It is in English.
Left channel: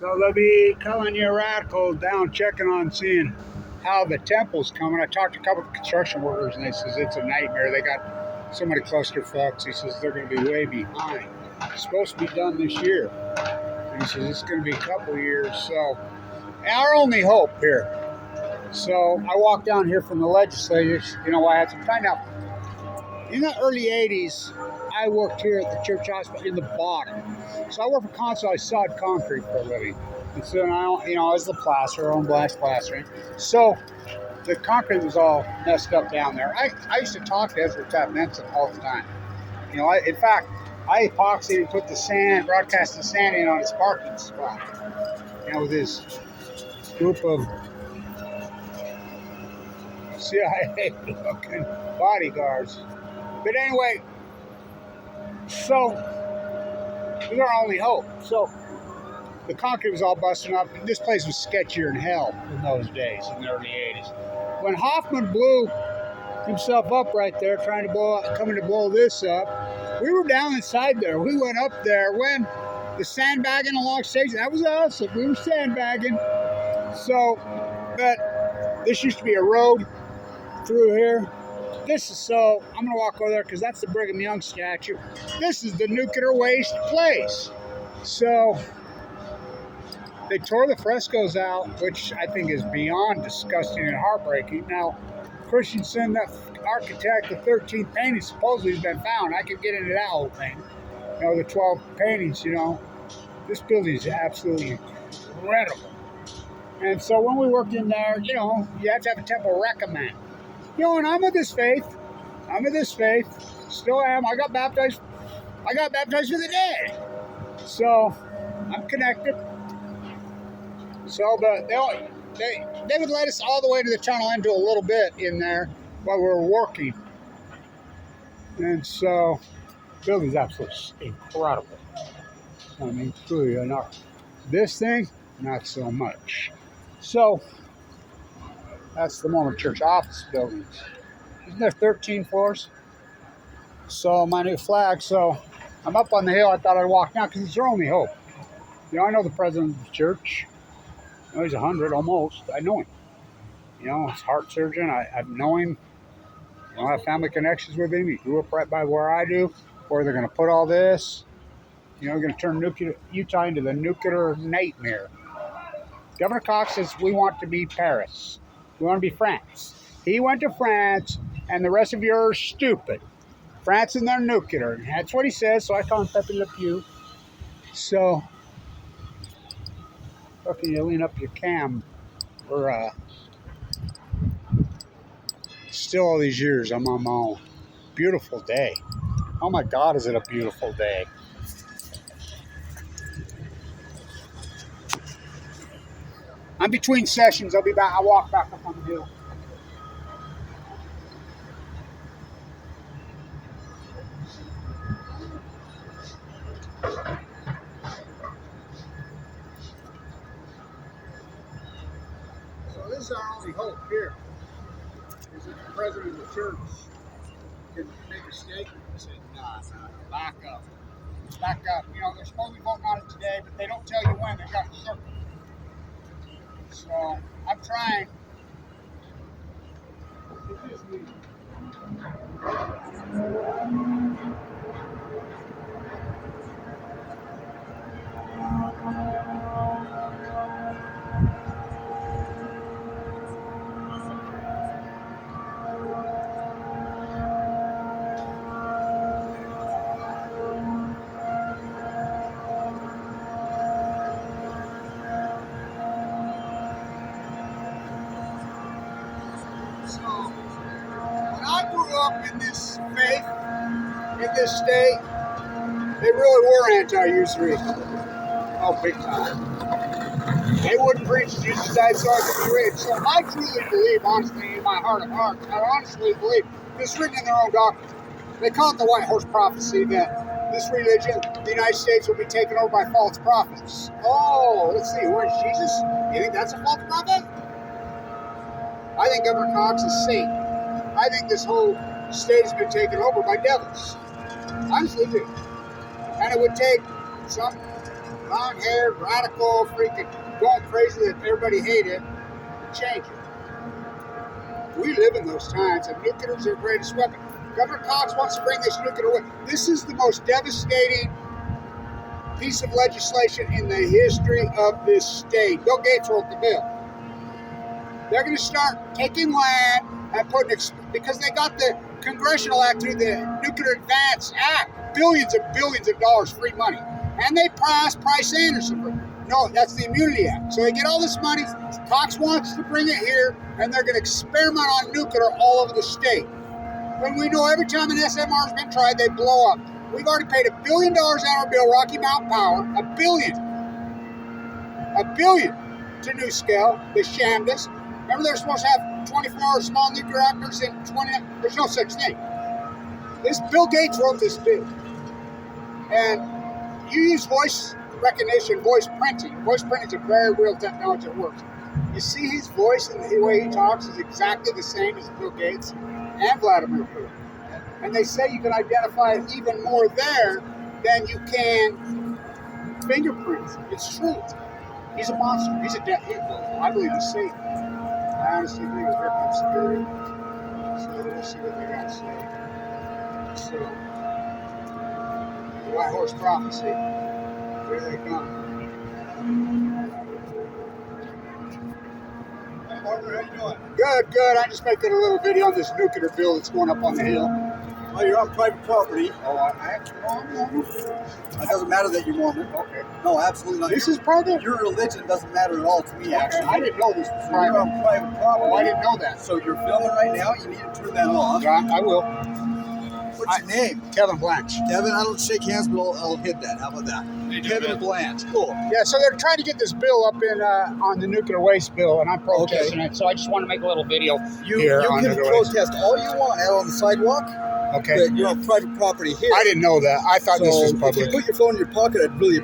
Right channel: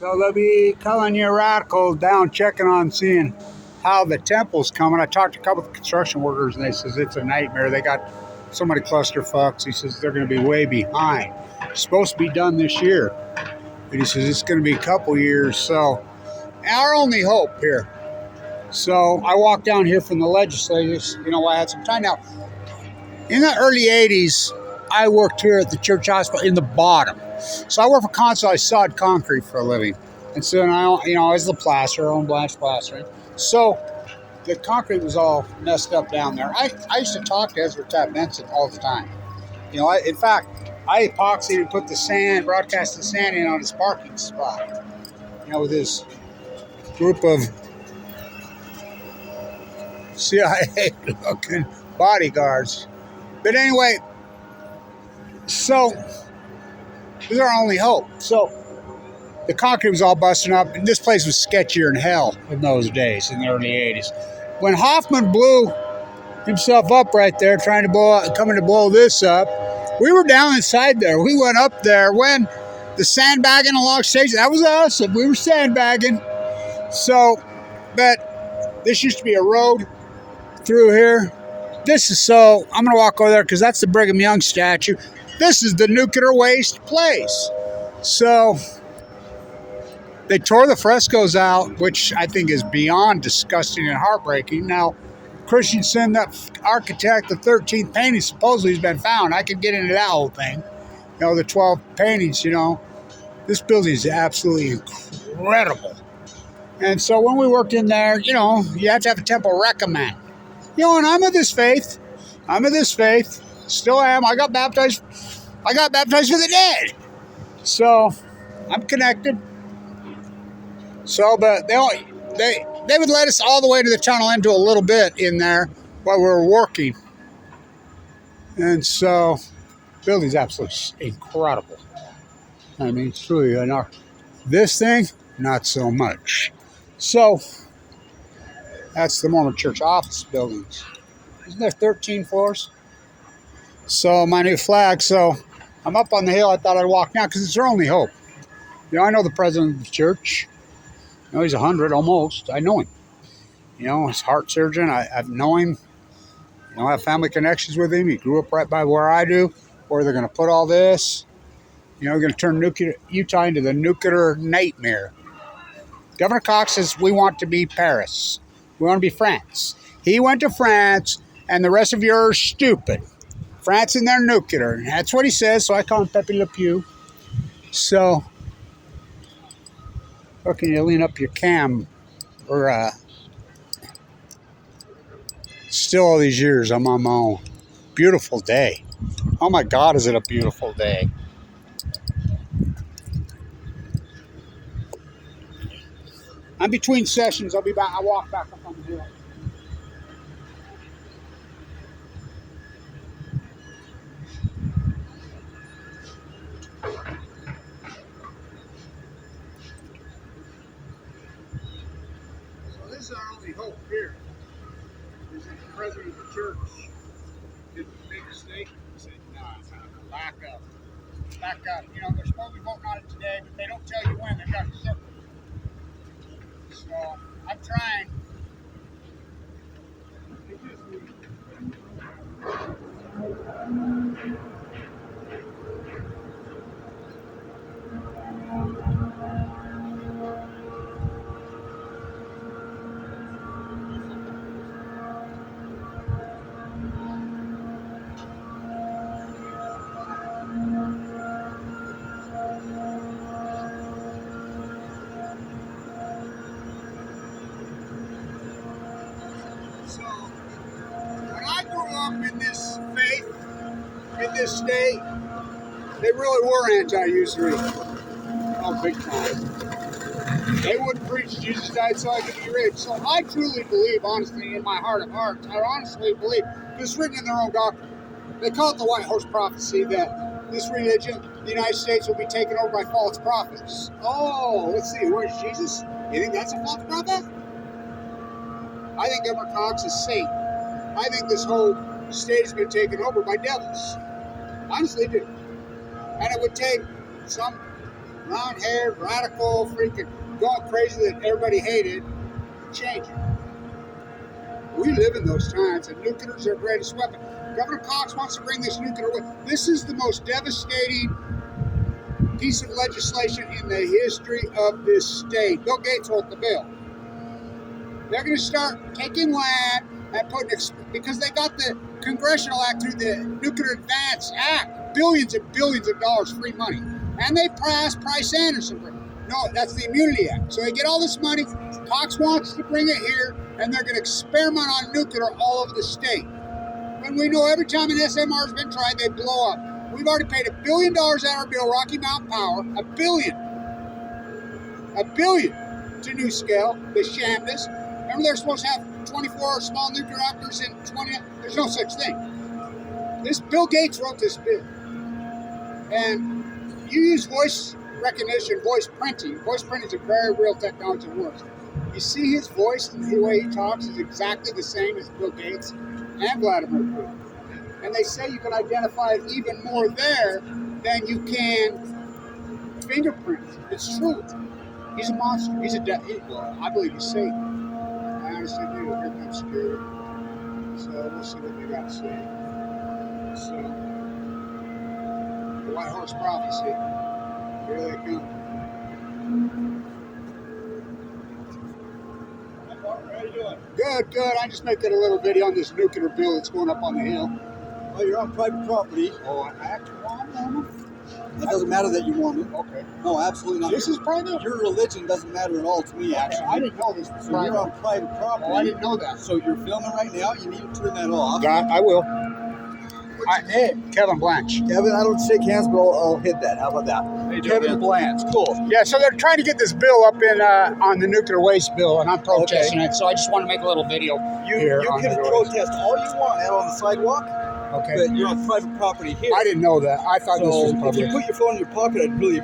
So they'll be calling you radical down checking on seeing how the temple's coming. I talked to a couple of construction workers and they says it's a nightmare. They got so many clusterfucks. He says they're going to be way behind. It's supposed to be done this year. And he says it's going to be a couple years. So our only hope here. So I walked down here from the legislators. You know, I had some time. Now, in the early 80s, I worked here at the church hospital in the bottom. So I worked for Consul. I sawed concrete for a living. And so, I was the plasterer, own Blanch plastering. So the concrete was all messed up down there. I used to talk to Ezra Tapp Benson all the time. In fact, I epoxied and put the sand, broadcast the sand in on his parking spot. With his group of CIA-looking bodyguards. But anyway, so this is our only hope. So the concrete was all busting up, and this place was sketchier than hell in those days, in the early 80s. When Hoffman blew himself up right there, coming to blow this up, we were down inside there. We went up there when the sandbagging along stage, that was us. We were sandbagging. So, but this used to be a road through here. I'm going to walk over there because that's the Brigham Young statue. This is the nuclear waste place. So they tore the frescoes out, which I think is beyond disgusting and heartbreaking. Now, Christensen, that architect, the 13th painting supposedly has been found. I could get into that whole thing. The 12 paintings, This building is absolutely incredible. And so when we worked in there, you have to have a temple recommend. And I'm of this faith. Still am. I got baptized for the dead. So I'm connected. So, but they would let us all the way to the tunnel into a little bit in there while we were working. And so the building's absolutely incredible. I mean, it's really this thing, not so much. So that's the Mormon Church office buildings. Isn't there 13 floors? So my new flag. So I'm up on the hill. I thought I'd walk now because it's our only hope. I know the president of the church. He's 100 almost. I know him. He's a heart surgeon. I know him. I have family connections with him. He grew up right by where I do. Where they're going to put all this. We're going to turn Utah into the nuclear nightmare. Governor Cox says we want to be Paris. We want to be France. He went to France, and the rest of you are stupid. France and their nuclear. That's what he says, so I call him Pepe Le Pew. So, how can you lean up your cam? Still all these years, I'm on my own. Beautiful day. Oh my God, is it a beautiful day. I'm between sessions. I'll be back. I'll walk back up on the hill. So this is our only hope here. Is that the president of the church can make a statement and say, nah, back up. Back up. They're supposed to be voting on it today, but they don't tell you when. They've got to circle. So I'm trying. It is me. So, when I grew up in this faith, in this state, they really were anti-usury. Oh, big time. They wouldn't preach Jesus died so I could be rich. So I truly believe, honestly, in my heart of hearts, I honestly believe this is written in their own doctrine. They call it the White Horse Prophecy, that this religion, the United States, will be taken over by false prophets. Oh, let's see, where's Jesus? You think that's a false prophet? I think Governor Cox is Satan. I think this whole state has been taken over by devils. Honestly do. And it would take some blonde-haired, radical, freaking going crazy that everybody hated, change it. We live in those times, and nuclear is their greatest weapon. Governor Cox wants to bring this nuclear weapon. This is the most devastating piece of legislation in the history of this state. Bill Gates wrote the bill. They're going to start taking land and putting, because they got the Congressional Act through the Nuclear Advance Act, billions and billions of dollars free money. And they passed Price-Anderson. No, that's the Immunity Act. So they get all this money. Cox wants to bring it here, and they're going to experiment on nuclear all over the state. When we know every time an SMR has been tried, they blow up. We've already paid $1 billion out of our bill, Rocky Mountain Power, $1 billion. $1 billion to NuScale. They shammed us. Remember they're supposed to have 24 small nuclear reactors in 20, there's no such thing. This Bill Gates wrote this bill. And you use voice recognition, voice printing. Voice printing is a very real technology that works. You see his voice and the way he talks is exactly the same as Bill Gates and Vladimir Putin. And they say you can identify it even more there than you can fingerprints. It's true. He's a monster. He's a well, I believe he's Satan. I honestly do. Here comes Spirit. So we'll see what they got to say. So, the White Horse Prophecy. Here they come. Hey, Martin, how you doing? Good, good. I'm just making a little video on this nuclear bill that's going up on the hill. Oh, you're on private property. Oh, I actually, I'm Mormon. It doesn't matter that you're Mormon. Okay. No, absolutely not. This is private? Your religion doesn't matter at all to me, actually. I didn't know this was So private. you're on private property. Oh, I didn't know that. So you're filming right now. You need to turn that off. Yeah, I will. What's your name? Kevin Blanch. Kevin, I don't shake hands, but I'll hit that. How about that? Kevin Blanch. Cool. Yeah, so they're trying to get this bill up in on the nuclear waste bill, and I'm protesting it. So I just want to make a little video here on You can nuclear waste. protest all you want out on the sidewalk, Okay. but you're on private property here. I didn't know that. I thought this was If public. you put your phone in your pocket, I'd really